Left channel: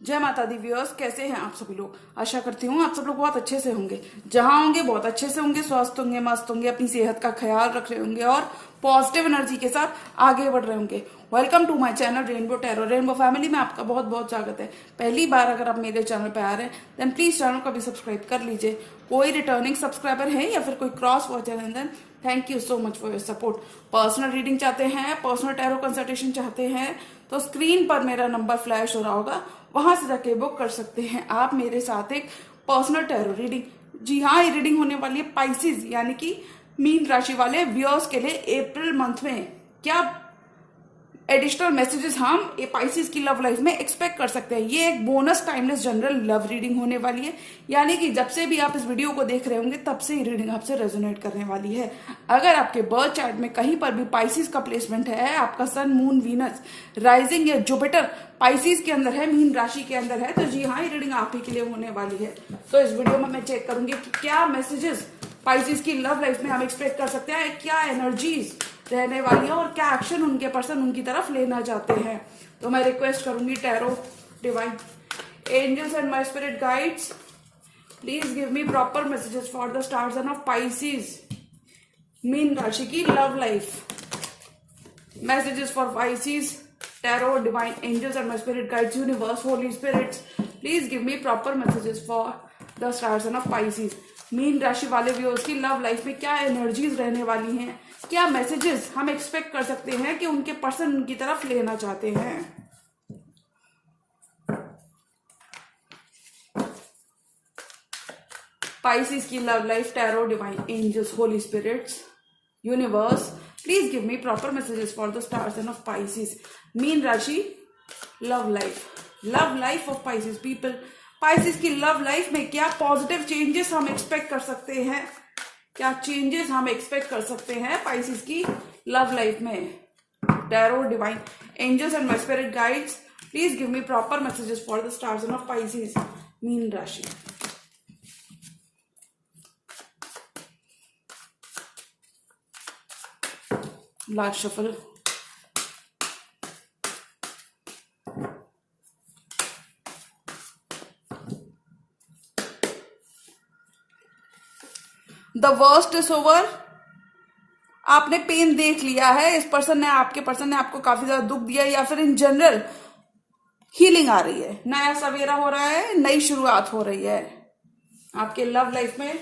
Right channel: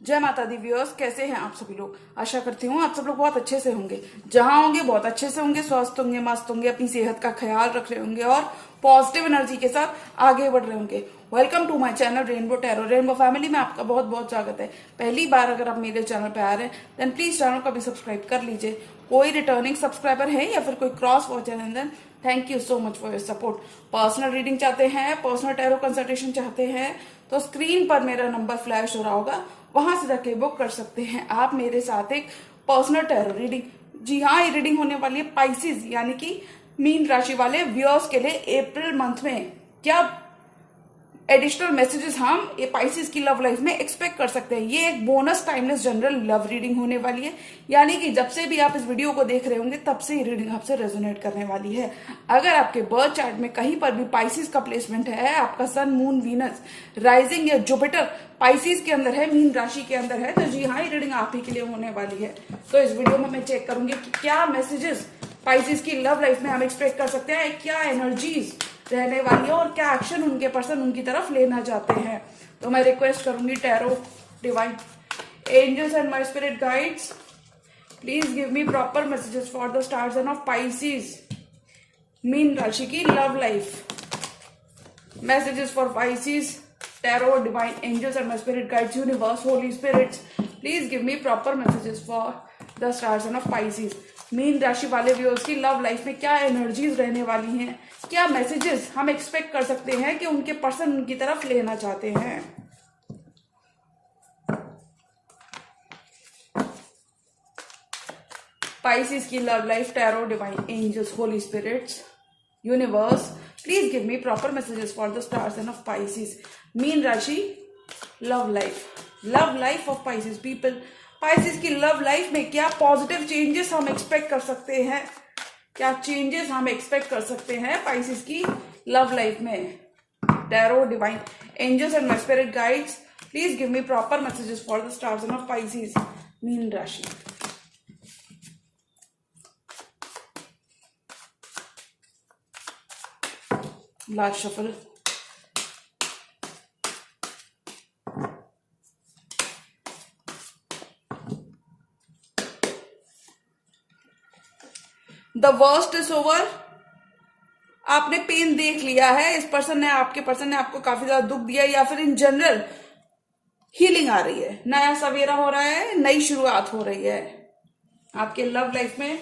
जय माता the viewers, कैसे हैं आप सभी लोग। आशा करती हूँ आप सब लोग बहुत अच्छे से होंगे। जहां होंगे बहुत अच्छे से होंगे, स्वस्थ होंगे, मस्त होंगे, अपनी सेहत का ख्याल रख रहे होंगे और पॉजिटिव एनर्जी के साथ आगे बढ़ रहे होंगे। Welcome to my channel rainbow tarot. Rainbow family में आपका बहुत बहुत स्वागत है। पहली बार अगर आप मेरे चैनल पर आ रहे हैं देन प्लीज चैनल को भी सब्सक्राइब कर लीजिए। कोई रिटर्निंग सब्सक्राइबर है या फिर कोई क्रॉस वॉचर है then thank you so much for your support. Personal reading चाहते हैं, पर्सनल टैरो कंसल्टेशन चाहते हैं तो स्क्रीन पर मेरा नंबर फ्लैश हो रहा होगा, वहां से जाके बुक कर सकते हैं आप मेरे साथ एक पर्सनल टैरो रीडिंग। जी हाँ, ये रीडिंग होने वाली है पाइसिस यानी कि मीन राशि वाले व्यूअर्स के लिए अप्रैल मंथ में। क्या एडिशनल मैसेजेस हम ये पाइसिस की लव लाइफ में एक्सपेक्ट कर सकते हैं। ये एक bonus timeless general love reading होने वाली है, यानी कि जब से भी आप इस वीडियो को देख रहे होंगे तब से ये रीडिंग आपसे रेजोनेट करने वाली है। अगर आपके बर्थ चार्ट में कहीं पर भी पाइसिस का प्लेसमेंट है, आपका सन, मून, वीनस, राइजिंग या जुपिटर पाइसिस के अंदर है, मीन राशि के अंदर है, तो जी हाँ, ये रीडिंग आप ही के लिए होने वाली है। तो इस वीडियो में मैं चेक करूंगी कि क्या मैसेजेस पाइसिस की लव लाइफ में हम एक्सपेक्ट कर सकते हैं, क्या एनर्जीज रहने वाली है और क्या एक्शन उनके पर्सन उनकी तरफ लेना चाहते हैं। तो मैं रिक्वेस्ट करूंगी tarot divine angels and my spirit guides, please give me proper messages for the star sign of Pisces mean राशि की love life. Messages for Pisces, tarot divine angels and my spirit guides, universe, holy spirits, please give me proper messages for the star sign of Pisces mean राशि वाले viewers की love life में क्या energies रहने वाली हैं, क्या messages हम एक्सपेक्ट कर सकते हैं कि उनके पर्सन उनकी तरफ लेना चाहते हैं। पाइसिस की love life, tarot divine angels, holy spirits, universe, please give me proper messages for the star sign of Pisces mean राशि love life of Pisces people. Pisces की लव लाइफ में क्या पॉजिटिव चेंजेस हम expect कर सकते हैं, क्या changes हम एक्सपेक्ट कर सकते हैं पाइसिस की लव लाइफ में। Tarot divine angels and my spirit guides, please give me proper messages for the star sign of Pisces mean राशि। Last shuffle. The worst is over. आपने पेन देख लिया है, इस पर्सन ने, आपके पर्सन ने आपको काफी ज्यादा दुख दिया या फिर इन जनरल हीलिंग आ रही है, नया सवेरा हो रहा है, नई शुरुआत हो रही है आपके लव लाइफ में।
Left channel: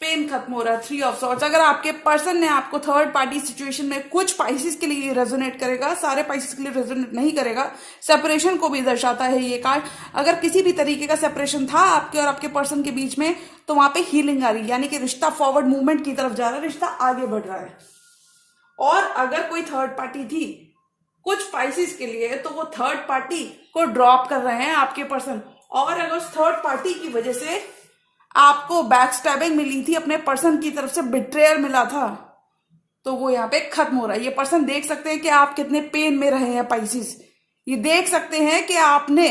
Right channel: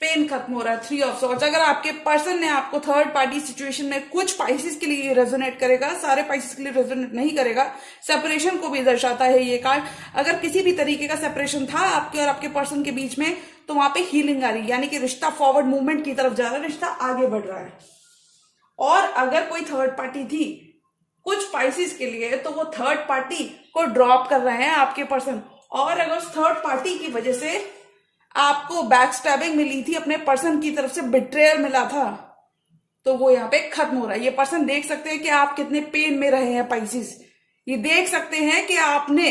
पेन खत्म हो रहा है, 3 ऑफ सॉर्ड्स। अगर आपके पर्सन ने आपको थर्ड पार्टी सिचुएशन में, कुछ पाइसिस के लिए रेजोनेट करेगा, सारे पाइसिस के लिए रेजोनेट नहीं करेगा, सेपरेशन को भी दर्शाता है ये कार्ड। अगर किसी भी तरीके का सेपरेशन था आपके और आपके पर्सन के बीच में तो वहां पे हीलिंग आ रही है, यानी कि रिश्ता फॉरवर्ड मूवमेंट की तरफ जा रहा है, रिश्ता आगे बढ़ रहा है। और अगर कोई थर्ड पार्टी थी कुछ पाइसिस के लिए तो वो थर्ड पार्टी को ड्रॉप कर रहे हैं आपके पर्सन। और अगर उस थर्ड पार्टी की वजह से आपको बैक स्टैबिंग मिली थी, अपने पर्सन की तरफ से बिट्रेयल मिला था, तो वो यहाँ पे खत्म हो रहा है। ये पर्सन देख सकते हैं कि आप कितने पेन में रहे हैं पाइसिस, ये देख सकते हैं कि आपने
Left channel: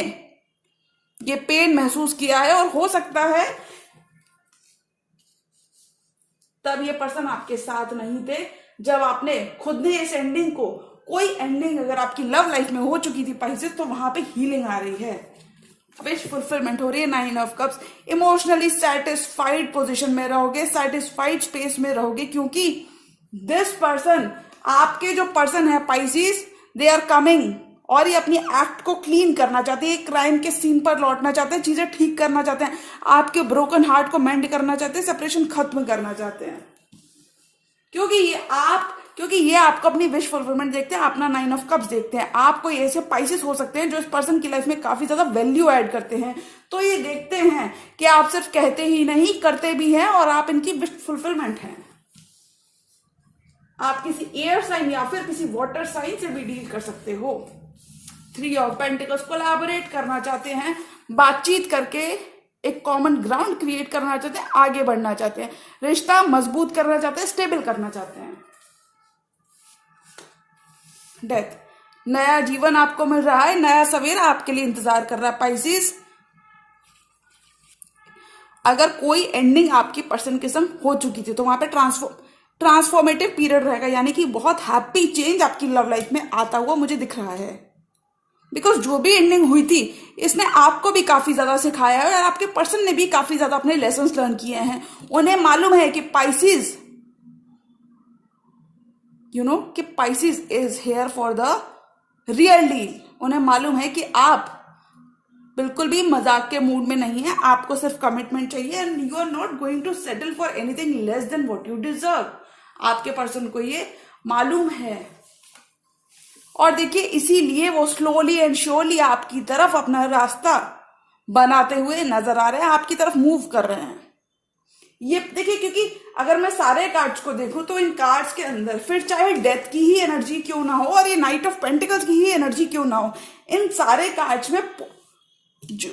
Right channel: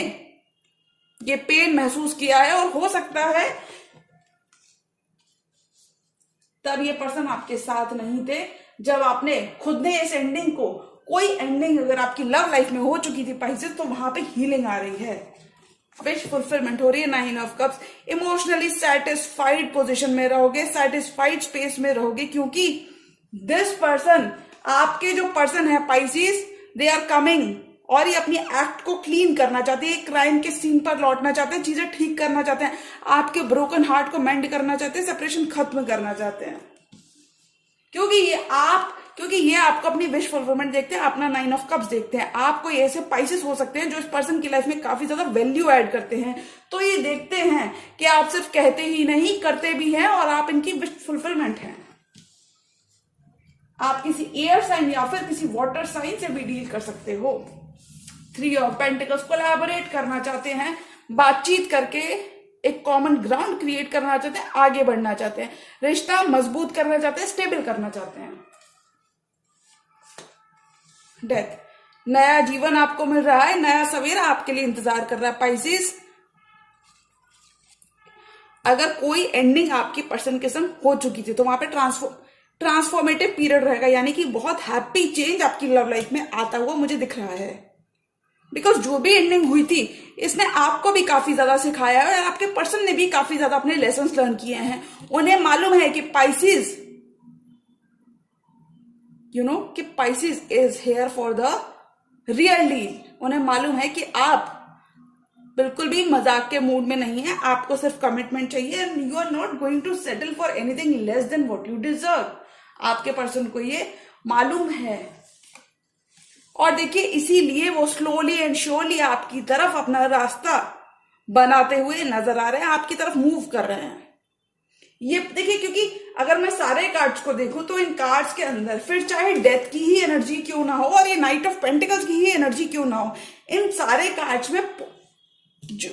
ये पेन महसूस किया है और हो सकता है तब ये पर्सन आपके साथ नहीं थे जब आपने खुद ने इस एंडिंग को, कोई एंडिंग अगर आपकी लव लाइफ में हो चुकी थी पाइसिस, तो वहां पे हीलिंग आ रही है, विश फुलफिलमेंट हो रही है। 9 of cups. Emotionally satisfied position में रहोगे, सेटिस्फाइड स्पेस में रहोगे, क्योंकि दिस पर्सन, आपके जो पर्सन है पाइसिस, दे आर कमिंग और ये अपनी एक्ट को क्लीन करना चाहते हैं, क्राइम के सीन पर लौटना चाहते हैं, चीजें ठीक करना चाहते हैं, आपके ब्रोकन हार्ट को मेंड करना चाहते हैं, सेपरेशन खत्म करना चाहते हैं, क्योंकि ये आपको अपनी विश फुलफिलमेंट देखते हैं, अपना 9 ऑफ कप्स देखते हैं। आपको ऐसे पाइसिस हो सकते हैं जो इस पर्सन की लाइफ में काफी ज्यादा वैल्यू ऐड करते हैं, तो ये देखते हैं कि आप सिर्फ कहते ही नहीं करते भी हैं और आप इनकी विश फुलफिलमेंट हैं। आप किसी एयर साइन या फिर किसी वाटर साइन से भी डील कर सकते हो। 3 ऑफ पेंटिकल्स, कोलैबोरेट करना चाहते हैं, बातचीत करके एक कॉमन ग्राउंड क्रिएट करना चाहते हैं, आगे बढ़ना चाहते हैं, रिश्ता मजबूत करना चाहते हैं, स्टेबल करना चाहते हैं। डेथ, नया जीवन आपको मिल रहा है, नया सवेरा आपके लिए इंतजार कर रहा है पाइसिस। अगर कोई एंडिंग आपकी पर्सन के संग हो चुकी थी तो वहां पे ट्रांसफॉर्मेटिव पीरियड रहेगा, यानी कि बहुत हैप्पी चेंज आपकी लव लाइफ में आता हुआ मुझे दिख रहा है। बिकॉज जो भी एंडिंग हुई थी इसने आपको भी काफी ज्यादा सिखाया है और आपके पर्सन ने भी काफी ज्यादा अपने लेसन लर्न किए हैं। उन्हें मालूम है कि पाइसिस कि Pisces is here for the real deal. उन्हें मालूम है कि आप बिल्कुल भी मजाक के मूड में नहीं है, आपको सिर्फ कमिटमेंट चाहिए and you are not going to settle for anything less than what you deserve. आपके पर्सन को ये मालूम है और देखिए इसीलिए वो स्लोली एंड श्योरली आपकी तरफ अपना रास्ता बनाते हुए नजर आ रहे हैं, आपकी तरफ मूव कर रहे हैं। ये देखिए, क्योंकि अगर मैं सारे कार्ड्स को देखूं तो इन कार्ड्स के अंदर फिर चाहे डेथ की ही एनर्जी क्यों ना हो और ये नाइट ऑफ पेंटिकल्स की ही एनर्जी क्यों ना हो, इन सारे कार्ड्स में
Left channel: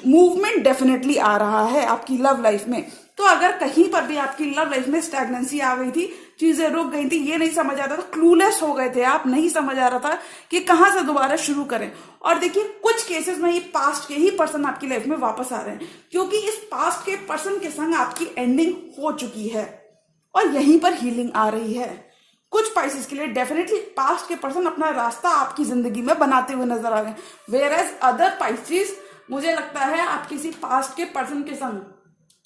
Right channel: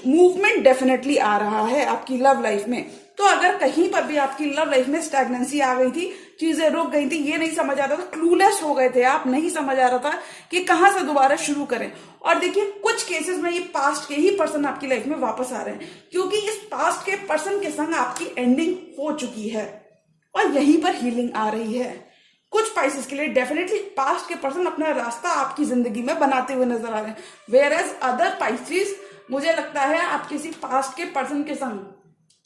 मूवमेंट डेफिनेटली आ रहा है आपकी लव लाइफ में। तो अगर कहीं पर भी आपकी लव लाइफ में स्टैग्नेंसी आ गई थी, चीजें रुक गई थी, ये नहीं समझ आता था, क्लूलेस हो गए थे आप, नहीं समझ आ रहा था कि कहां से दोबारा शुरू करें। और देखिए कुछ केसेस में ये पास्ट के ही पर्सन आपकी लाइफ में वापस आ रहे हैं, क्योंकि इस पास्ट के पर्सन के संग आपकी एंडिंग हो चुकी है और यहीं पर हीलिंग आ रही है। कुछ पाइसेस के लिए डेफिनेटली पास्ट के पर्सन अपना रास्ता आपकी जिंदगी में बनाते हुए नजर आ रहे हैं, वेयर एज अदर पाइसेस मुझे लगता है आप किसी पास्ट के पर्सन के संग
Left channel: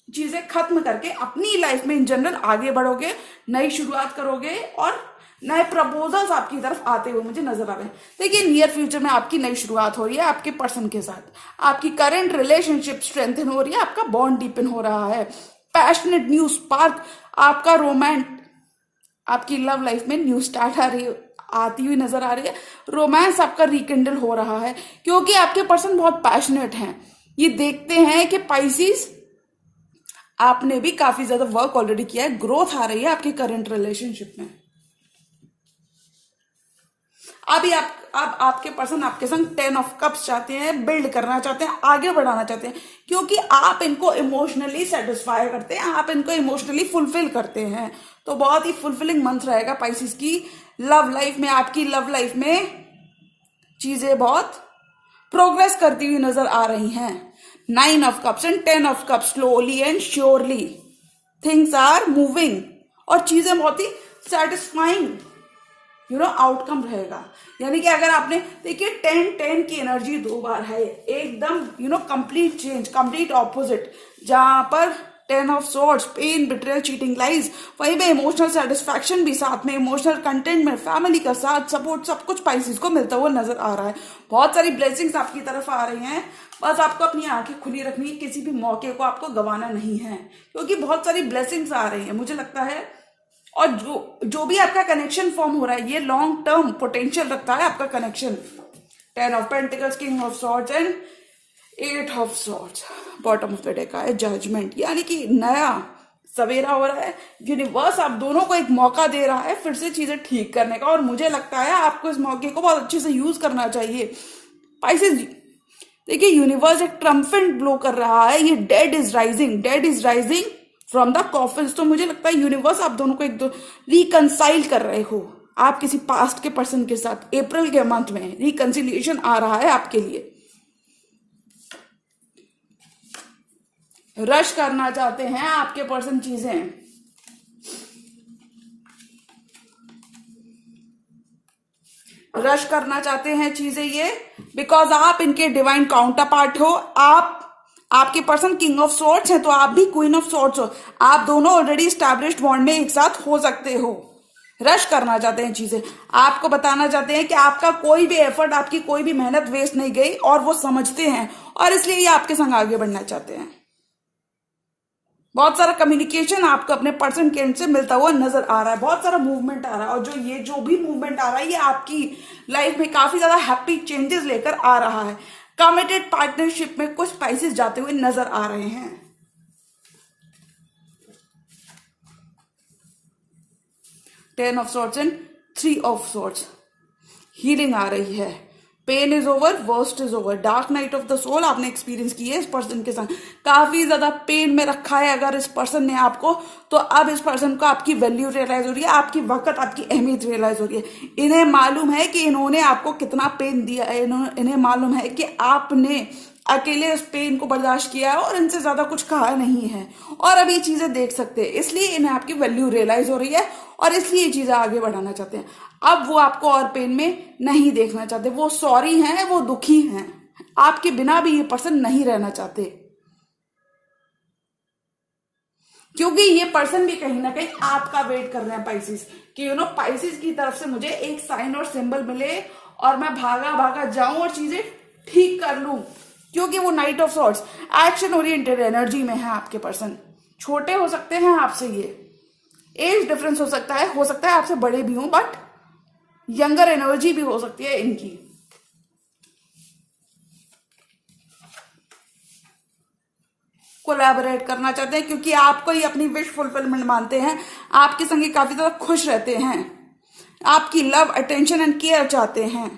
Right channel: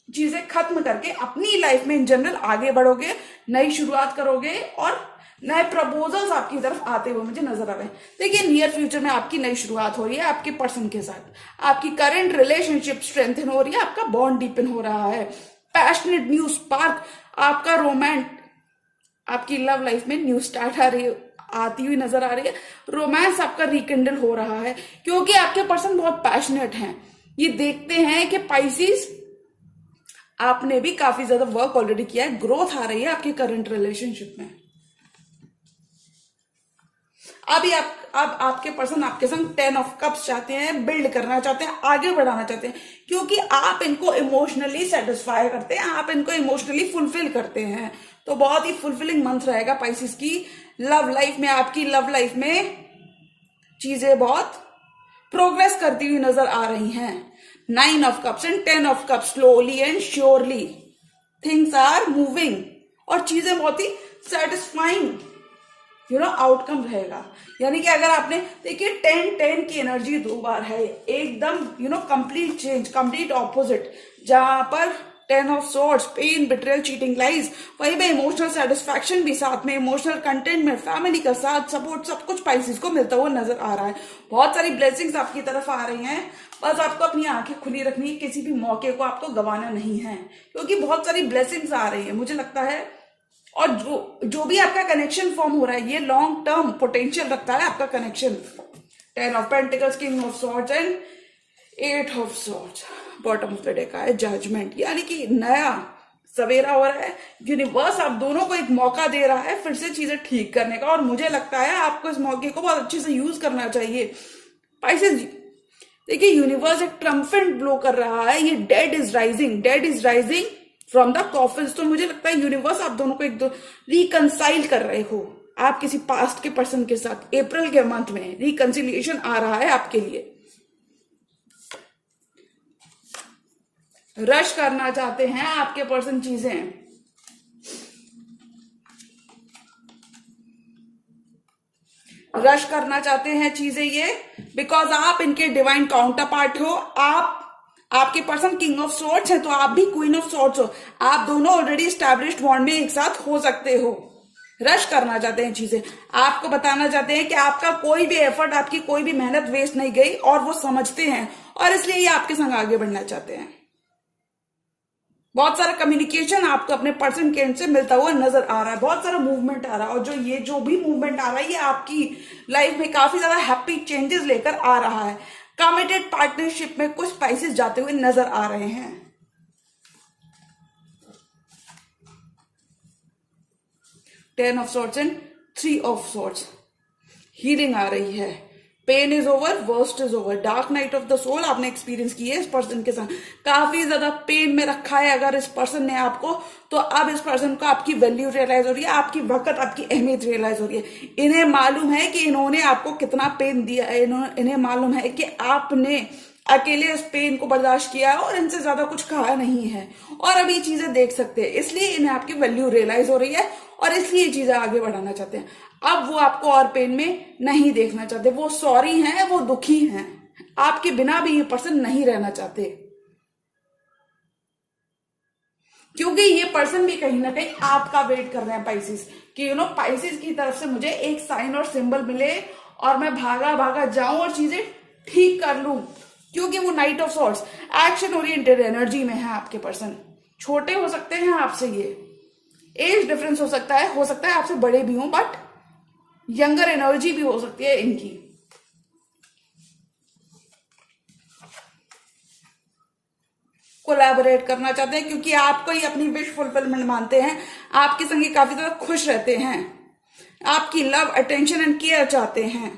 चीजें खत्म करके अपनी लाइफ में इन जनरल आगे बढ़ोगे, नई शुरुआत करोगे और नए प्रपोजल्स आपकी तरफ आते हुए मुझे नजर आ रहे हैं। देखिए नियर फ्यूचर में आपकी नई शुरुआत हो रही है आपके पर्सन के साथ, आपकी करंट रिलेशनशिप स्ट्रेंथन हो रही है, आपका बॉन्ड डीपन हो रहा है, पैशनेट न्यू स्पार्क, आपका रोमांस, आपकी लव लाइफ में न्यू स्टार्ट आती हुई नजर आ रही है, रोमांस आपका रिकिंडल हो रहा है, क्योंकि आपके पर्सन बहुत पैशनेट हैं। ये देखते हैं कि पाइसिस आपने भी काफी ज्यादा वर्क ऑलरेडी किया है, ग्रोथ आ रही है आपकी करंट रिलेशनशिप में। अभी अब आपके पर्सन आपके संग 10 ऑफ कप्स चाहते हैं, बिल्ड करना चाहते हैं, आगे बढ़ाना चाहते हैं, क्योंकि आप इनको इमोशनली सेटिस्फाई करते हैं, आप इनको इमोशनली फुलफिल करते हैं। तो बहुत ही फुलफिलिंग मंथ रहेगा पाइसिस की लव लाइफ में। आपकी लव लाइफ में चीजें बहुत प्रोग्रेस करती हुई नजर आ रही हैं। 9 of cups and 10 of cups, slowly and surely things are moving और चीजें बहुत ही सेटिस्फाइंग आउटकम रहेगा। यानी कि अगर आपने देखिए 10-10 की एनर्जी 2 बार है, एकदम कंप्लीट चेंज, कंप्लीट ऑपोजिट। जहां पर 10 of swords, pain, betrayal, cheating, lies, वहीं पे इमोशनल सेटिस्फैक्शन भी साथ में, इमोशनल कंटेंटमेंट, फैमिली का साथ, सपोर्ट, सब कुछ पाइसिस को मिलता हुआ नजर आ रहा है। बहुत सारी ब्लेसिंग्स आपकी तरफ आ रही हैं, बस आपको अपनी आंखें खुली रखनी है, किसी भी मौके को आपको गंवाना नहीं है, क्योंकि बहुत सारी ब्लेसिंग्स आ रही है मुझे लगता है। और जो भी आपका कनेक्शन फॉर्म हो रहा है ये लॉन्ग टर्म पोटेंशियल रखता है आपका connection. 10 of pentacles, king of swords and 8 of swords, bottom of the deck है जजमेंट, यानी कि नया सवेरा हो रहा है। यूनिवर्स आप दोनों को एक मौका दे रहा है फिर से चीजें ठीक करने का, और मुझे लगता है आपको इस मौके को बहुत अच्छे से यूज करना चाहिए। पाइसेस देखिए यूनिवर्स एक ट्रम्पेट ब्लो कर रहा है, ये dead is rising from the coffins. तो मुझे लगता है यूनिवर्स आप दोनों को रिकंसाइल कर रहे हो, आप किसी पास्ट के पर्सन के साथ अप्रैल के मंथ में रिकंसिलिएशन आ रहा है आपके लिए। रश करना चाहते हैं आपके पर्सन चीजें, रश करना चाहते हैं चीजें ये बिकॉज आप इनके डिवाइन काउंटर पार्ट हो। आपके पर्सन किंग ऑफ सॉर्ड्स है तो आप भी क्वीन ऑफ सॉर्ड्स हो, आप दोनों ऑलरेडी स्टैब्लिश्ड बॉन्ड में एक साथ हो सकते हो। रश करना चाहते हैं चीजें, आपको बताना चाहते हैं कि आपका कोई भी एफर्ट, आपकी कोई भी मेहनत वेस्ट नहीं गई, और वो समझते हैं और इसलिए ये आपके संग आगे बढ़ना चाहते हैं। बहुत सारा कम्युनिकेशन आपको अपने पर्सन के एंड से मिलता हुआ नजर आ रहा है, बहुत सारा मूवमेंट आ रहा है, और जो भी मूवमेंट आ रहा है ये आपकी लाइफ में काफी ज्यादा हैप्पी चेंजेस लेकर आ रहा है। कमिटेड पार्टनरशिप में कुछ स्पाइसेस जाते हुए नजर आ रहे हैं। 10 of swords and 3 of swords, healing आ रही है, pain is over, worst is over, dark night of the soul आपने एक्सपीरियंस की है इस पर्सन के साथ, काफी ज्यादा पेन में रखा है अगर इस पर्सन ने आपको, तो अब इस पर्सन को आपकी वैल्यू रियलाइज हो रही है, आपकी वक्त, आपकी अहमियत रियलाइज हो रही है। इन्हें मालूम है कि इन्होंने आपको कितना पेन दिया है, इन्हें मालूम है कि आपने अकेले उस पेन को बर्दाश्त किया है और इनसे ज्यादा कुछ कहा नहीं है, और अब ये चीजें देख सकते हैं, इसलिए इन्हें आपकी वैल्यू रियलाइज हो रही है और इसलिए ये चीजें आगे बढ़ाना चाहते हैं। अब वो आपको और पेन में नहीं देखना चाहते, वो सॉरी हैं, वो दुखी हैं, आपके बिना भी ये पर्सन नहीं रहना चाहते, क्योंकि ये पर्सन भी कहीं ना कहीं आपका वेट कर रहे हैं पाइसिस, कि पाइसिस की तरफ से मुझे एक साइन और सिंबल मिले और मैं भागा भागा जाऊं और चीजें ठीक कर लूं, क्योंकि वो knight of swords action oriented energy में है आपके पर्सन। छोटे हो सकते हैं आपसे, ये एज डिफरेंस हो सकता है आपसे बड़े भी हों, बट यंगर एनर्जी भी हो सकती है इनकी। कोलैबोरेट करना चाहते हैं क्योंकि आपको ही अपनी विश फुलफिलमेंट मानते हैं, आपके संग ये काफी ज्यादा खुश रहते हैं, आपकी लव अटेंशन एंड केयर चाहते हैं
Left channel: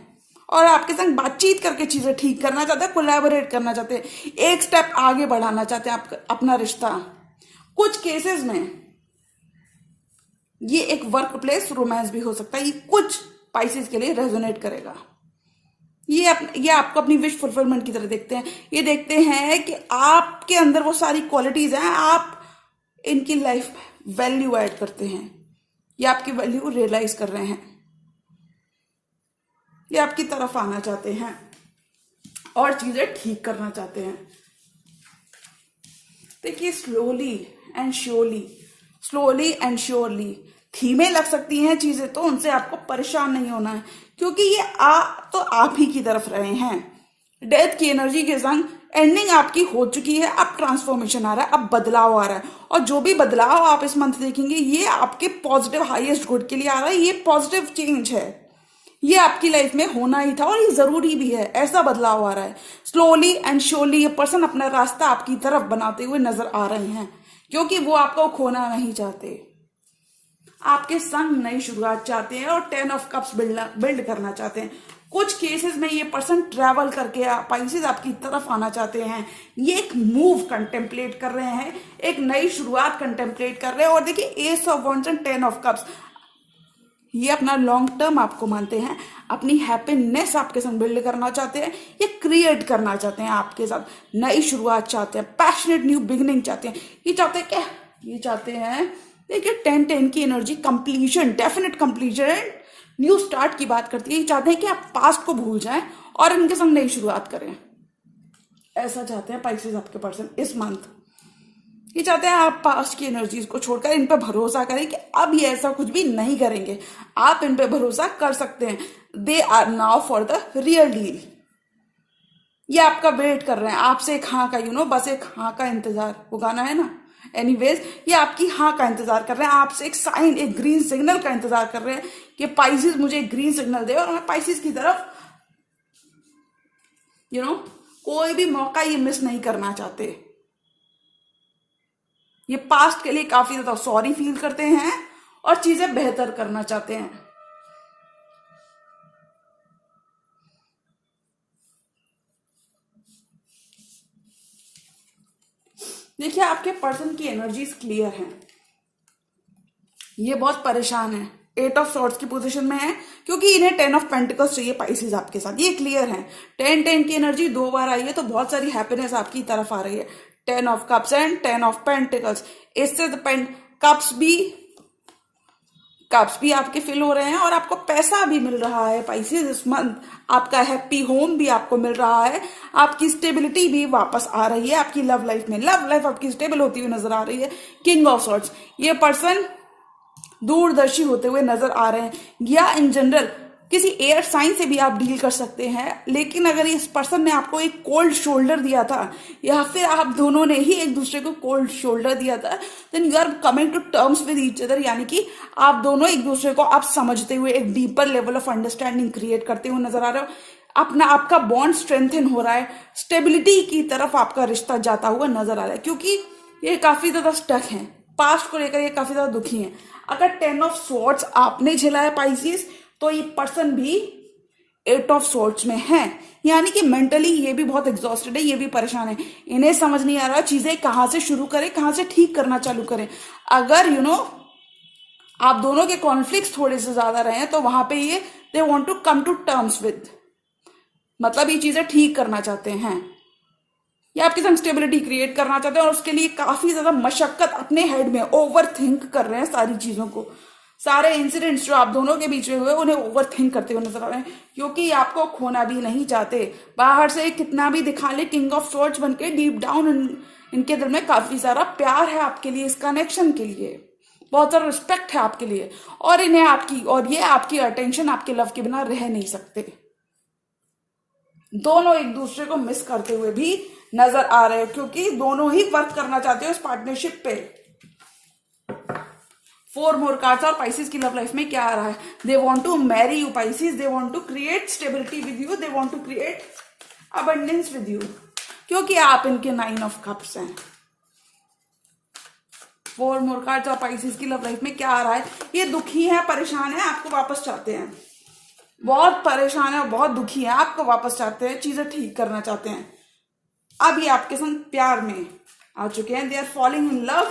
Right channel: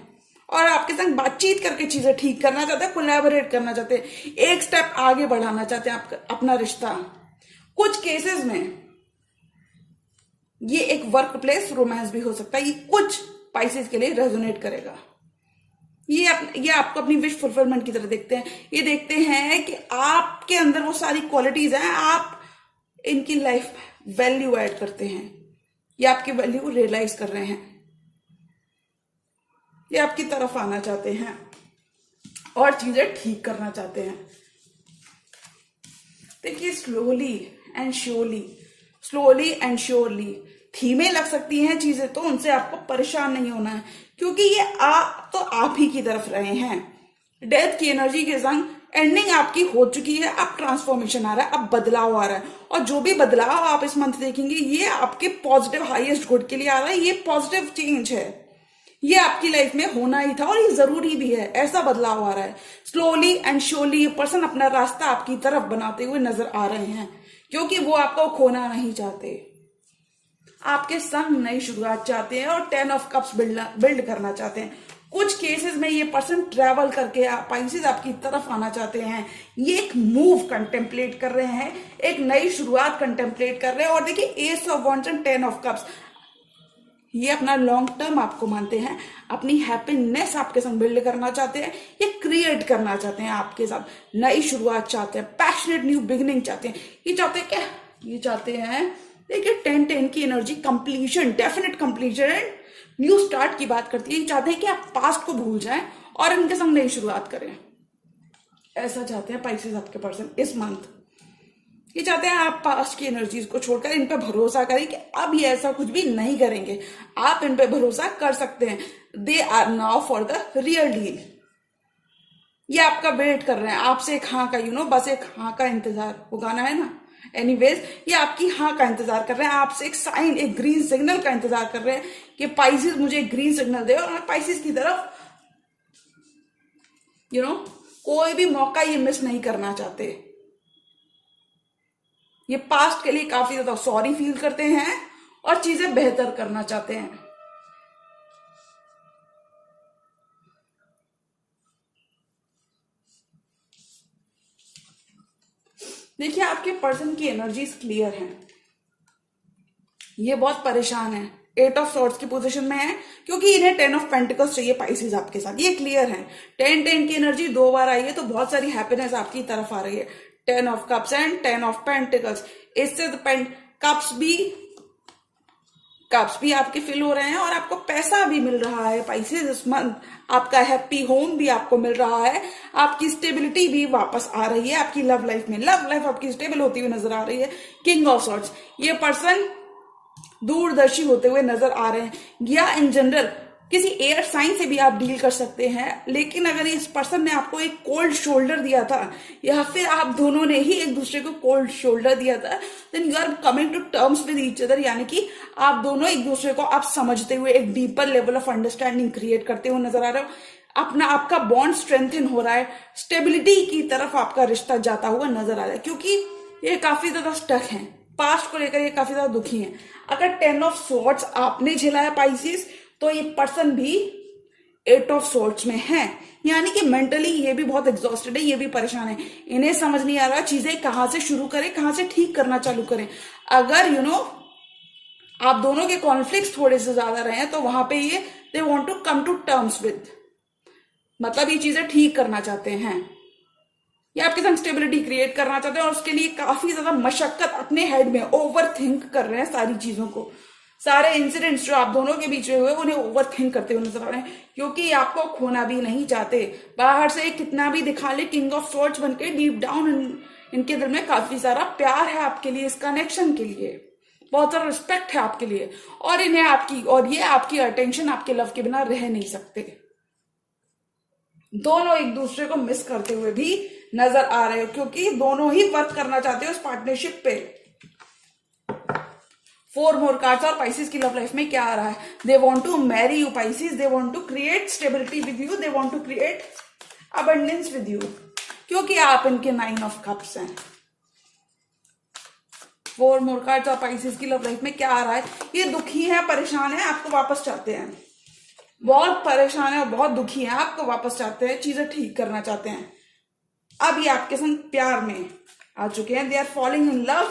और आपके संग बातचीत करके चीजें ठीक करना चाहते हैं, कोलैबोरेट करना चाहते हैं, एक स्टेप आगे बढ़ाना चाहते हैं आपका अपना रिश्ता। कुछ केसेस में ये एक वर्क प्लेस रोमांस भी हो सकता है, ये कुछ पाइसेस के लिए रेजोनेट करेगा। ये आपको अपनी विश फुलफिलमेंट की तरह देखते हैं, ये देखते हैं कि आपके अंदर वो सारी क्वालिटीज हैं, आप इनकी लाइफ में वैल्यू ऐड करते हैं, ये आपकी वैल्यू रियलाइज कर रहे हैं, ये आपकी तरफ आना चाहते हैं और चीजें ठीक करना चाहते हैं। देखिए स्लोली एंड श्योरली धीमे लग सकती हैं चीजें, तो उनसे आपको परेशान नहीं होना है, क्योंकि ये आप ही की तरफ रहे हैं। डेथ की एनर्जी के संग एंडिंग आपकी हो चुकी है, अब ट्रांसफॉर्मेशन आ रहा है, अब बदलाव आ रहा है, और जो भी बदलाव आप इस मंथ देखेंगे ये आपके पॉजिटिव हाईएस्ट गुड के लिए आ रहा है, ये पॉजिटिव चेंज है, ये आपकी लाइफ में होना ही था और ये जरूरी भी है, ऐसा बदलाव आ रहा है। स्लोली एंड श्योरली ये पर्सन अपना रास्ता आपकी तरफ बनाते हुए नजर आ रहे हैं, क्योंकि वो आपको खोना नहीं चाहते, आपके संग नई शुरुआत चाहते हैं और 10 ऑफ कप्स बिल्ड करना चाहते हैं। कुछ केसेस में ये पर्सन ट्रैवल करके पाइसेस आपकी तरफ आना चाहते हैं, ये एक मूव कंटेम्पलेट कर रहे हैं, एक नई शुरुआत कंटेम्पलेट कर रहे हैं। और देखिए S of wands and 10 of cups, ये अपना लॉन्ग टर्म आपको मानते हैं, अपनी हैप्पीनेस आपके संग बिल्ड करना चाहते हैं, ये क्रिएट करना चाहते हैं आपके साथ, नई शुरुआत चाहते हैं, पैशनेट न्यू बिगिनिंग चाहते हैं। ये चाहते हैं क्या, ये चाहते हैं देखिए 10-10 की energy completion, definite completion, new start की बात करती है। ये चाहते हैं कि आप पास्ट को भूल जाएं और इनके संग नई शुरुआत करें, ऐसा चाहते हैं पाइसेस आपके पर्सन इस मंथ। ये चाहते हैं आप पास्ट की एनर्जीज को छोड़कर इन पे भरोसा करें कि अब ये ऐसा कुछ भी नहीं करेंगे, आप इन पे भरोसा कर सकते हैं। They are now for the real deal, ये आपका वेट कर रहे हैं, आपसे एक हाँ का बस एक हाँ का इंतजार, वो गाना है ना, एनीवेज ये आपकी हाँ का इंतजार कर रहे हैं, आपसे एक साइन, एक ग्रीन सिग्नल का इंतजार कर रहे हैं कि पाइसेस मुझे एक ग्रीन सिग्नल दे और मैं पाइसेस की तरफ कोई भी मौका ये मिस नहीं करना चाहते। ये पास्ट के लिए काफी ज्यादा सॉरी फील करते हैं और चीजें बेहतर करना चाहते हैं। देखिए आपके पर्सन की एनर्जीज क्लियर हैं, ये बहुत परेशान है, 8 ऑफ सॉर्ड्स की पोजीशन में है, क्योंकि इन्हें 10 ऑफ पेंटिकल्स चाहिए पाइसेस आपके साथ, ये क्लियर है। 10-10 की एनर्जी 2 बार आई है तो बहुत सारी हैप्पीनेस आपकी तरफ आ रही है। 10 of cups and 10 of pentacles, इससे कप्स भी आपके फिल हो रहे हैं और आपको पैसा भी मिल रहा है पाइसेस इस मंथ, आपका हैप्पी होम भी आपको मिल रहा है, आपकी स्टेबिलिटी भी वापस आ रही है आपकी लव लाइफ में, लव लाइफ आपकी स्टेबल होती हुई नजर आ रही है। किंग ऑफ सॉर्ड्स, ये पर्सन दूरदर्शी होते हुए नजर आ रहे हैं, या इन जनरल किसी एयर साइन से भी आप डील कर सकते हैं। लेकिन अगर इस पर्सन ने आपको एक कोल्ड शोल्डर दिया था या फिर आप दोनों ने ही एक दूसरे को कोल्ड शोल्डर दिया था, then you are coming to terms with each other, यानी कि आप दोनों एक दूसरे को आप समझते हुए एक deeper level of understanding create करते हुए नजर आ रहे हो। आपका बॉन्ड स्ट्रेंथन हो रहा है, स्टेबिलिटी की तरफ आपका रिश्ता जाता हुआ नजर आ रहा है, क्योंकि ये काफी ज्यादा स्टक है, पास्ट को लेकर ये काफी ज्यादा दुखी है। अगर 10 ऑफ सॉर्ड्स आपने झेला है पाइसेस, तो ये पर्सन भी 8 ऑफ सॉर्ड्स में है, यानी कि मेंटली ये भी बहुत एग्जॉस्टेड है, ये भी परेशान है, इन्हें समझ नहीं आ रहा चीजें कहां से शुरू करें, कहां से ठीक करना चालू करें। अगर आप दोनों के कॉन्फ्लिक्ट थोड़े से ज्यादा रहे हैं तो वहां पे ये they want to come to terms with, मतलब ये चीजें ठीक करना चाहते हैं। ये आपके संग स्टेबिलिटी क्रिएट करना चाहते हैं और उसके लिए काफी ज्यादा मशक्कत अपने हेड में ओवर थिंक कर रहे हैं सारी चीजों को। सारे इंसिडेंट्स जो आप दोनों के बीच में हुए उन्हें ओवर थिंक करते हुए नजर आ रहे हैं, क्योंकि ये आपको खोना भी नहीं चाहते। बाहर से कितना भी दिखा ले किंग ऑफ स्वॉर्ड्स बनके, डीप डाउन इनके दिल में काफी सारा प्यार है आपके लिए, इस कनेक्शन के लिए बहुत सारा रिस्पेक्ट है आपके लिए, और इन्हें आपकी और ये आपकी अटेंशन, आपके लव के बिना रह नहीं सकते। दोनों एक दूसरे को मिस करते हुए भी नजर आ रहे हो, क्योंकि दोनों ही वर्क करना चाहते हो इस पार्टनरशिप पे। 4 मोर कार्ड्स और पाइसिस की लव लाइफ में क्या आ रहा है? They want to marry you Pisces, they want to create stability with you, they want to create abundance with you, क्योंकि आप इनके 9 ऑफ कप्स हैं। 4 मोर कार्ड्स और पाइसिस की लव लाइफ में क्या आ रहा है? ये दुखी है, परेशान है, आपको वापस चाहते हैं, बहुत परेशान है और बहुत दुखी है, आपको वापस चाहते हैं, चीजें ठीक करना चाहते हैं। अब ये आपके संग प्यार में आ चुके हैं। They are falling in love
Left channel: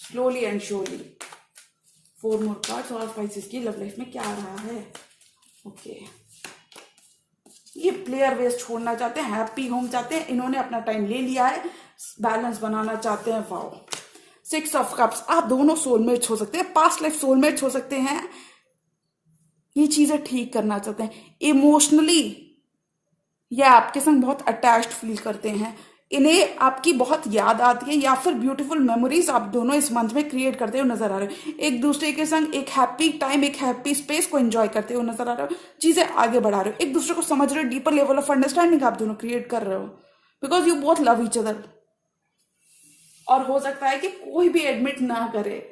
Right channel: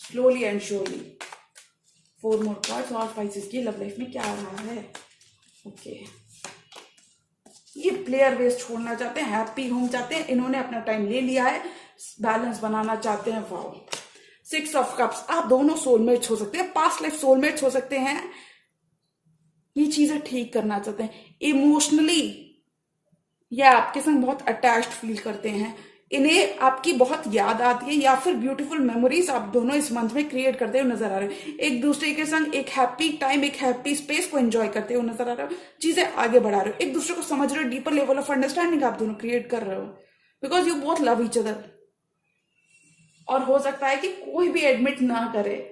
slowly and surely. 4 more cards और पाइसिस की लव लाइफ में क्या आ रहा है? ओके, ये प्लेयर वेस्ट छोड़ना चाहते हैं, हैप्पी होम चाहते हैं, इन्होंने अपना टाइम ले लिया है, बैलेंस बनाना चाहते हैं। वाओ, 6 ऑफ कप्स, आप दोनों सोलमेट्स हो सकते हैं, पास्ट लाइफ सोलमेट्स हो सकते हैं। ये चीजें ठीक करना चाहते हैं। इमोशनली ये आपके संग बहुत अटैच्ड फील करते हैं, इन्हें आपकी बहुत याद आती है, या फिर ब्यूटीफुल मेमोरीज आप दोनों इस मंथ में क्रिएट करते हुए नजर आ रहे हो। एक दूसरे के संग एक हैप्पी टाइम, एक हैप्पी स्पेस को एंजॉय करते हुए नजर आ रहे हो, चीजें आगे बढ़ा रहे हो, एक दूसरे को समझ रहे हो, डीपर लेवल ऑफ अंडरस्टैंडिंग आप दोनों क्रिएट कर रहे हो, because you both love each other. और हो सकता है कि कोई भी एडमिट ना करे।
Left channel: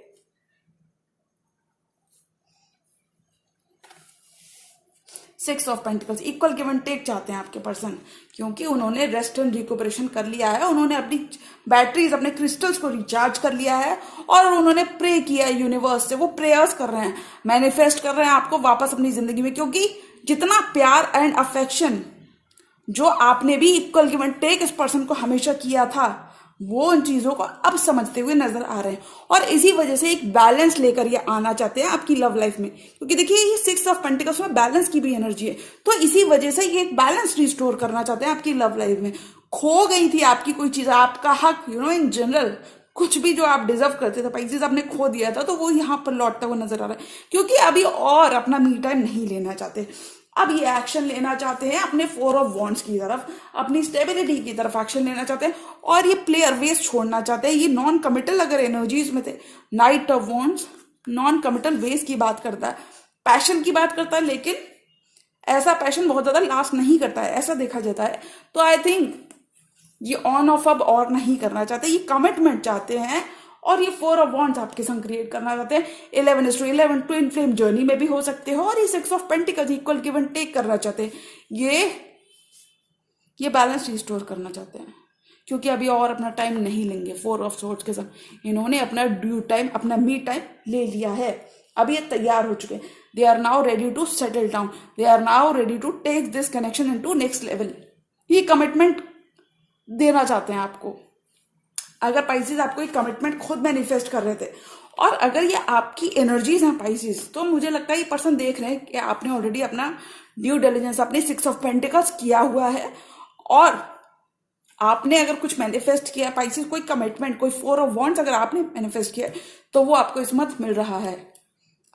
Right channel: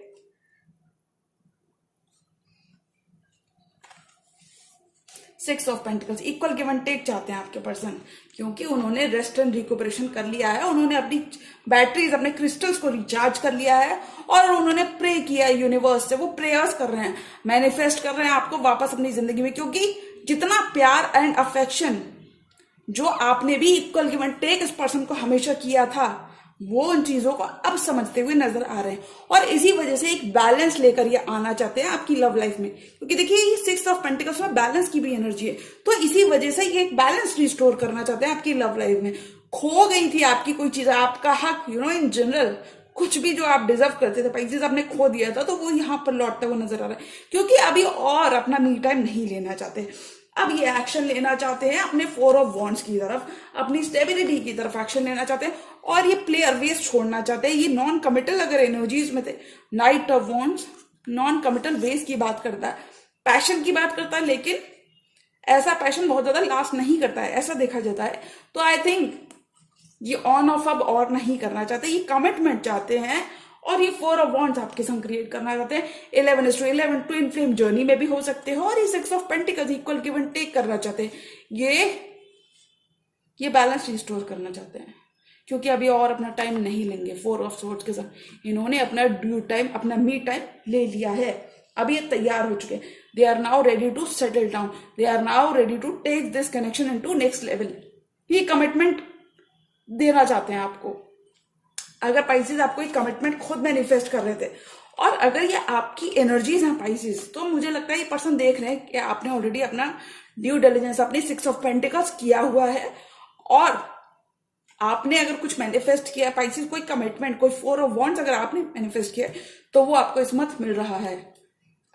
Six of pentacles, equal give and take चाहते हैं आपके पर्सन, क्योंकि उन्होंने रेस्ट एंड रिकवरेशन कर लिया है, उन्होंने अपनी बैटरीज, अपने क्रिस्टल्स को रिचार्ज कर लिया है, और उन्होंने प्रे किया है यूनिवर्स से। वो प्रेयर्स कर रहे हैं, मैनिफेस्ट कर रहे हैं आपको वापस अपनी जिंदगी में, क्योंकि जितना प्यार एंड अफेक्शन जो आपने भी इक्वल गिव एंड टेक इस पर्सन को हमेशा किया था, वो उन चीजों को अब समझते हुए नजर आ रहे हैं, और इसी वजह से एक बैलेंस लेकर ये आना चाहते हैं आपकी लव लाइफ में। क्योंकि देखिए, ये 6 ऑफ पेंटिकल्स में बैलेंस की भी एनर्जी है, तो इसी वजह से ये एक बैलेंस रिस्टोर करना चाहते हैं आपकी लव लाइफ में। खो गई थी आपकी कोई चीज, आपका हक, इन जनरल कुछ भी जो आप डिजर्व करते थे, पाइसेस आपने खो दिया था, तो वो यहां पर लौटता हुआ नजर आ रहा है, क्योंकि अभी और अपना मी टाइम नहीं लेना चाहते। अब ये एक्शन लेना चाहते हैं अपने 4 ऑफ वॉन्ड्स की तरफ, अपनी स्टेबिलिटी की तरफ एक्शन लेना चाहते हैं, और ये प्लेयर वेस्ट छोड़ना चाहते हैं। ये नॉन कमिटल अगर एनर्जीज में थे, knight of wands non committal वेस्ट की बात करता है, पैशन की बात करता है, लेकिन ऐसा पैशन बहुत ज्यादा लास्ट नहीं करता है, ऐसा देखा जाता है। तो आई थिंक ये ऑन ऑफ अब और नहीं करना चाहते, ये कमिटमेंट चाहते हैं, और ये 4 ऑफ वॉन्ड्स आपके संग क्रिएट करना चाहते हैं। 11:11 ट्विन फ्लेम जर्नी में भी हो सकते हो, और ये 6 of pentacles equal give and take करना चाहते हैं। ये बैलेंस रिस्टोर करना चाहते हैं, क्योंकि अभी और अपना टाइम नहीं लेंगे। 4 ऑफ सोर्ड्स के साथ इन्होंने अपना ड्यू टाइम, अपना मी टाइम ले लिया है, अब ये तैयार हो चुके हैं। They are now ready to settle down, they are now ready to take this connection into next level. ये कमिटमेंट देना चाहते हैं आपको। अगर पाइसेस आपको एक कमिटमेंट खुद मैनिफेस्ट कर रहे थे, और अगर ये आपकी एनर्जीज हैं पाइसेस, तो मुझे लगता है ये पर्सन देख रहे हैं कि आपने ऑलरेडी अपना ड्यू डिलिजेंस, अपने 6 ऑफ पेंटिकल्स किया हुआ है, और आपने अगर कुछ मैनिफेस्ट किया पाइसेस, कोई कमिटमेंट, कोई 4 ऑफ वॉन्ड्स अगर आपने मैनिफेस्ट किया, तो वो आपको इस मंथ मिल रहा है।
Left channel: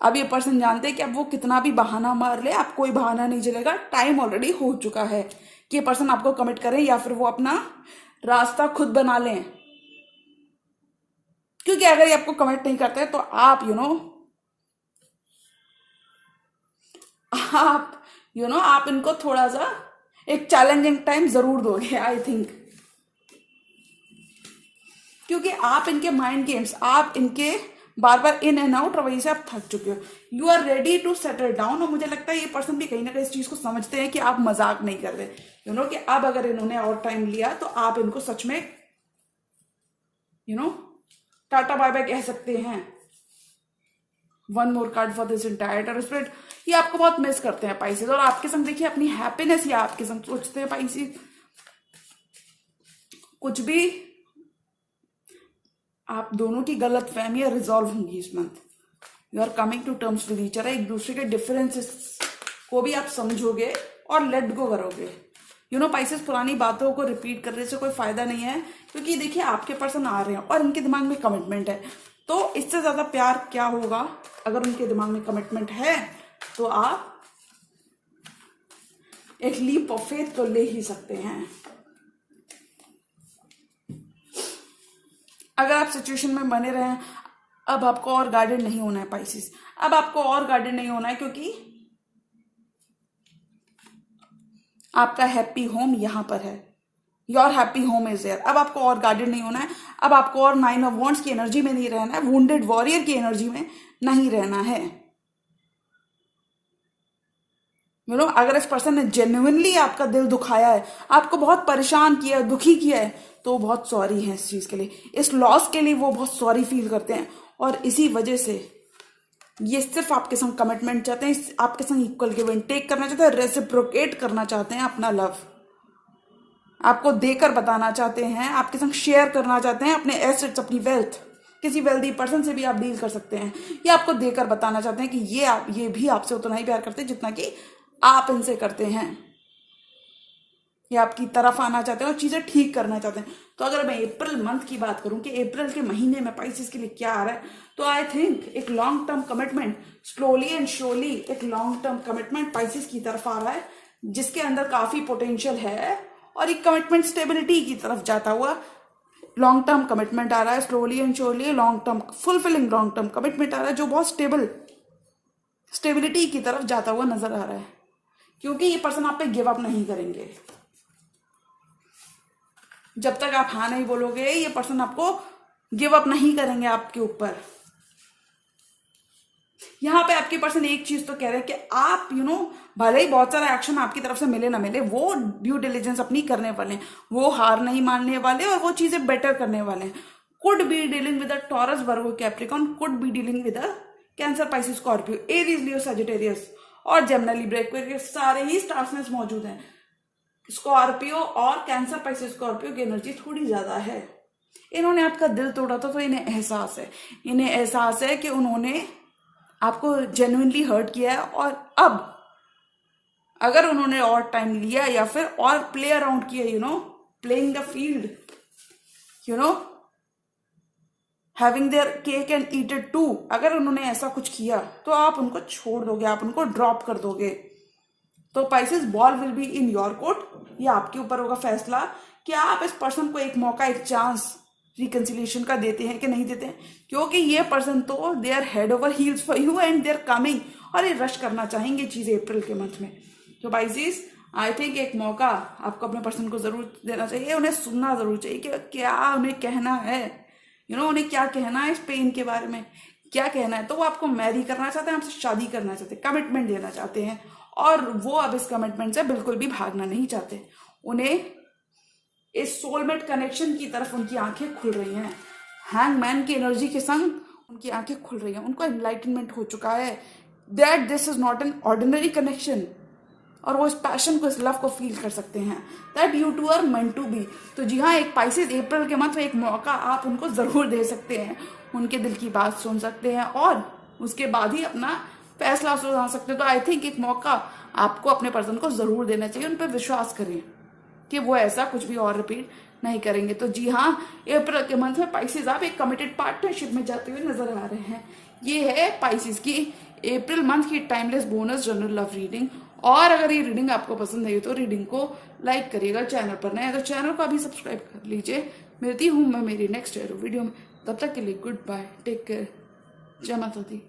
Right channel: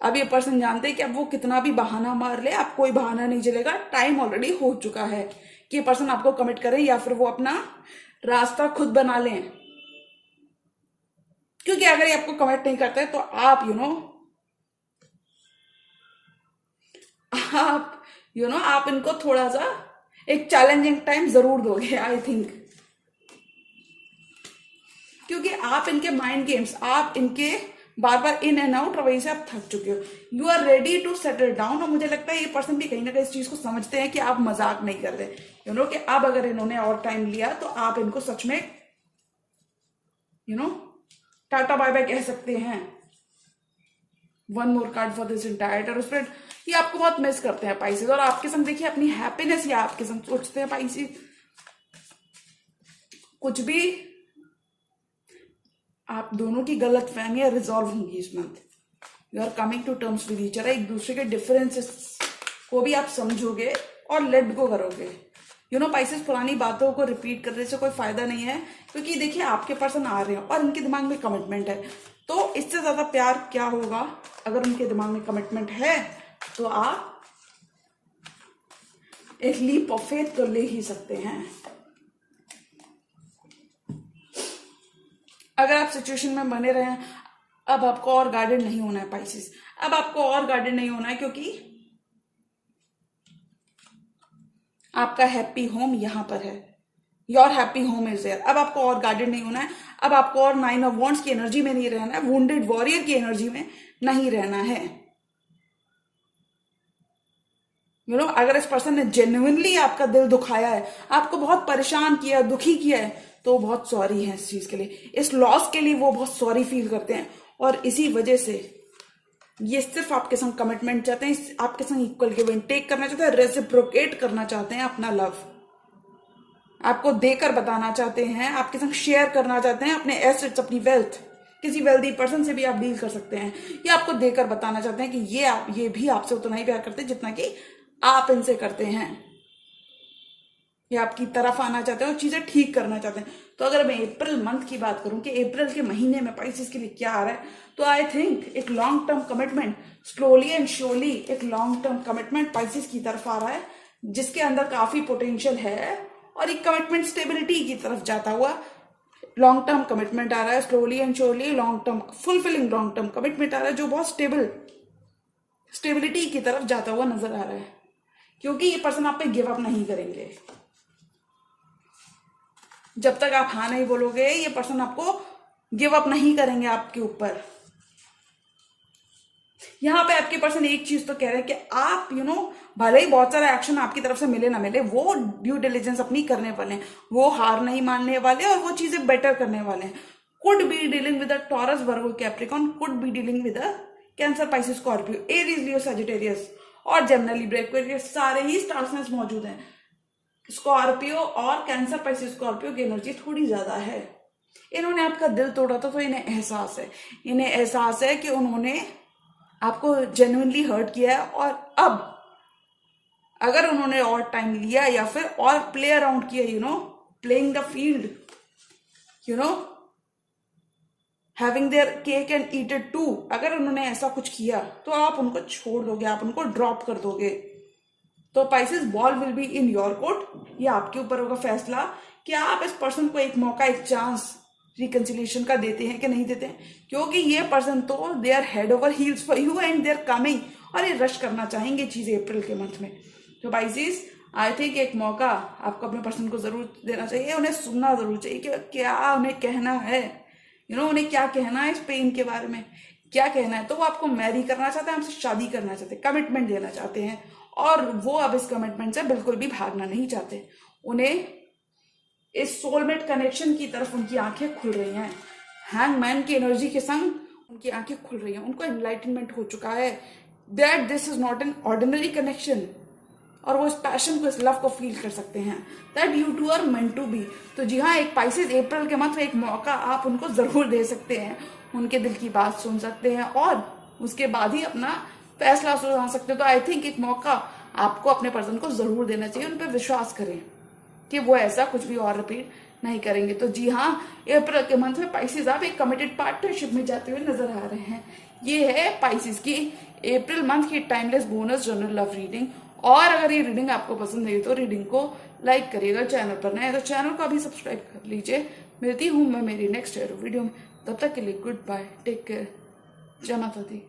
अब ये पर्सन जानते हैं कि अब वो कितना भी बहाना मार ले, आप कोई बहाना नहीं चलेगा, टाइम ऑलरेडी हो चुका है कि ये पर्सन आपको कमिट करें, या फिर वो अपना रास्ता खुद बना लें। क्योंकि अगर ये आपको कमिट नहीं करते, तो आप आप इनको थोड़ा सा एक चैलेंजिंग टाइम जरूर दोगे, आई थिंक, क्योंकि आप इनके माइंड गेम्स, आप इनके बार बार इन एंड आउट रवैये से आप थक चुके हो। You are ready to settle down, और मुझे लगता है ये पर्सन भी कहीं ना कहीं इस चीज को समझते हैं कि आप मजाक नहीं कर रहे, कि अब अगर इन्होंने और टाइम लिया, तो आप इनको सच में टाटा बाय बाय कह सकते हैं। 1 more card for this entire spirit, ये आपको बहुत मिस करते हैं पाइसेस, और आपके संग देखिए अपनी हैप्पीनेस या आपके संग सोचते हैं पाइसेस। कुछ भी आप दोनों की गलत फहमियां रिजॉल्व होंगी इस month. You are coming to terms with each other, एक दूसरे के डिफरेंसेस को भी आप समझोगे और लेट गो करोगे। पाइसेस पुरानी बातों को रिपीट करने से कोई फायदा नहीं है, क्योंकि देखिए आपके पर्सन आ रहे हैं और इनके दिमाग में कमिटमेंट है, तो इससे ज्यादा प्यार क्या होगा। अगर उनके दिमाग में कमिटमेंट है तो आप एक लीप ऑफ फेथ तो ले ही सकते हैं। अगर आप सिचुएशन में बने रहे, अब आपको और गाइडेड नहीं होना है पाइसेस, अब आपको और गाइडेड नहीं होना है, क्योंकि आपका हैप्पी होम यहां पर है। Your happy home is there. अब आपको और गाइडेड नहीं होना है, अब आपको और 9 ऑफ वॉन्ड्स की एनर्जी में नहीं रहना है, वुंडेड वॉरियर की एनर्जी में नहीं रहना है। अगर इस पर्सन ने जेन्युइनली आपका दिल दुखाया है, आपको बहुत परेशान किया है, दुखी किया है, तो बहुत सॉरी है इस चीज के लिए, इस लॉस के लिए वो बहुत सॉरी फील करते हैं, और इसी वजह से ये सिर्फ आपके संग कमिटमेंट चाहते हैं, आपके संग इक्वल गिव एंड टेक करना चाहते हैं, रेसिप्रोकेट करना चाहते हैं अपना लव, आपको देकर बताना चाहते हैं, आपके संग शेयर करना चाहते हैं अपने एसेट्स, अपनी वेल्थ। किसी वेल्दी पर्सन से भी आप डील कर सकते हैं, ये आपको देकर बताना चाहते हैं कि ये भी आपसे उतना ही प्यार करते हैं जितना कि आप इनसे करते हैं। ये आपकी तरफ आना चाहते हैं और चीजें ठीक करना चाहते हैं। तो अगर मैं अप्रैल मंथ की बात करूं कि अप्रैल के महीने में पाइसेस के लिए क्या आ रहा है, तो आई थिंक एक long term commitment, slowly and surely एक लॉन्ग टर्म कमिटमेंट पाइसेस की तरफ आ रहा है, जिसके अंदर काफी पोटेंशियल है, और एक कमिटमेंट स्टेबिलिटी की तरफ जाता हुआ लॉन्ग टर्म कमिटमेंट आ रहा है, slowly and surely long term fulfilling long term commitment आ रहा है, जो बहुत स्टेबिलिटी की तरफ जाता हुआ नजर आ रहा है, क्योंकि ये पर्सन आप पे गिव अप नहीं करेंगे। जब तक आप हाँ नहीं बोलोगे, ये पर्सन आपको गिव अप नहीं करेंगे आपके ऊपर। यहां पे आपके पर्सन एक चीज तो कह रहे हैं कि आप भले ही बहुत सारे एक्शन आपकी तरफ से मिले ना मिले, वो ड्यू डिलिजेंस अपनी करने वाले हैं, वो हार नहीं मानने वाले, और वो चीजें बेटर करने वाले हैं। Could be dealing with a Taurus, Virgo, Capricorn, could be dealing with a cancer, Pisces, Scorpio, Aries, Leo, Sagittarius और जेमिनी, लिब्रा, एक्वेरियस, सारे ही स्टार साइंस मौजूद हैं। स्कॉर्पियो और कैंसर, पाइसेस, स्कॉर्पियो की एनर्जी थोड़ी ज्यादा है। इन्होंने आपका दिल तोड़ा था, तो इन्हें एहसास है कि उन्होंने आपको जेन्युइनली हर्ट किया है, और अब अगर उन्होंने और टाइम लिया या फिर और प्ले अराउंड किया, playing the field, having their cake and eat it too, अगर उन्होंने ऐसा कुछ किया तो आप उनको छोड़ दोगे, आप उनको ड्रॉप कर दोगे। तो Pisces, ball will be in your court. ये आपके ऊपर होगा फैसला कि आप इस पर्सन को एक मौका, एक चांस रिकंसिलिएशन का देते हैं कि नहीं देते हैं, क्योंकि ये पर्सन तो they are head over heels for you and they are coming, और ये रश करना चाहेंगे चीजें अप्रैल के मंथ में। तो पाइसेस, आई थिंक एक मौका आपको अपने पर्सन को जरूर देना चाहिए, उन्हें सुनना जरूर चाहिए कि क्या उन्हें कहना है, उन्हें क्या कहना है इस पेन के बारे में, क्या कहना है। तो वो आपको मैरी करना चाहते हैं, आपसे शादी करना चाहते हैं, कमिटमेंट देना चाहते हैं, और वो अब इस कमिटमेंट से बिल्कुल भी भागना नहीं चाहते। उन्हें इस सोलमेट कनेक्शन की तरफ उनकी आंखें खुल रही हैं, हैंगमैन की एनर्जी के संग उनकी आंखें खुल रही हैं, उनको एनलाइटनमेंट हो चुका है that this is not an ordinary connection, और वो इस पैशन को, इस लव को फील कर सकते हैं, that you two are meant to be. तो जी हाँ, एक पाइसेस अप्रैल के मंथ में एक मौका आप उनको जरूर दे सकते हैं, उनके दिल की बात सुन सकते हैं, और उसके बाद ही अपना फैसला सुना सकते हो। तो आई थिंक एक मौका आपको अपने पर्सन को जरूर देना चाहिए, उन पर विश्वास करें कि वो ऐसा कुछ भी और रिपीट नहीं करेंगे। तो जी हाँ, अप्रैल के मंथ में पाइसेस आप एक कमिटेड पार्टनरशिप में जाते हुए नजर आ रहे हैं। ये है पाइसेस की अप्रैल मंथ की timeless bonus general love reading. और अगर ये रीडिंग आपको पसंद आई तो रीडिंग को लाइक करिएगा, चैनल पर नए तो चैनल को अभी सब्सक्राइब कर लीजिए। मिलती हूँ मैं मेरी नेक्स्ट वीडियो में, तब तक के लिए गुड बाय, टेक केयर, जय माता दी।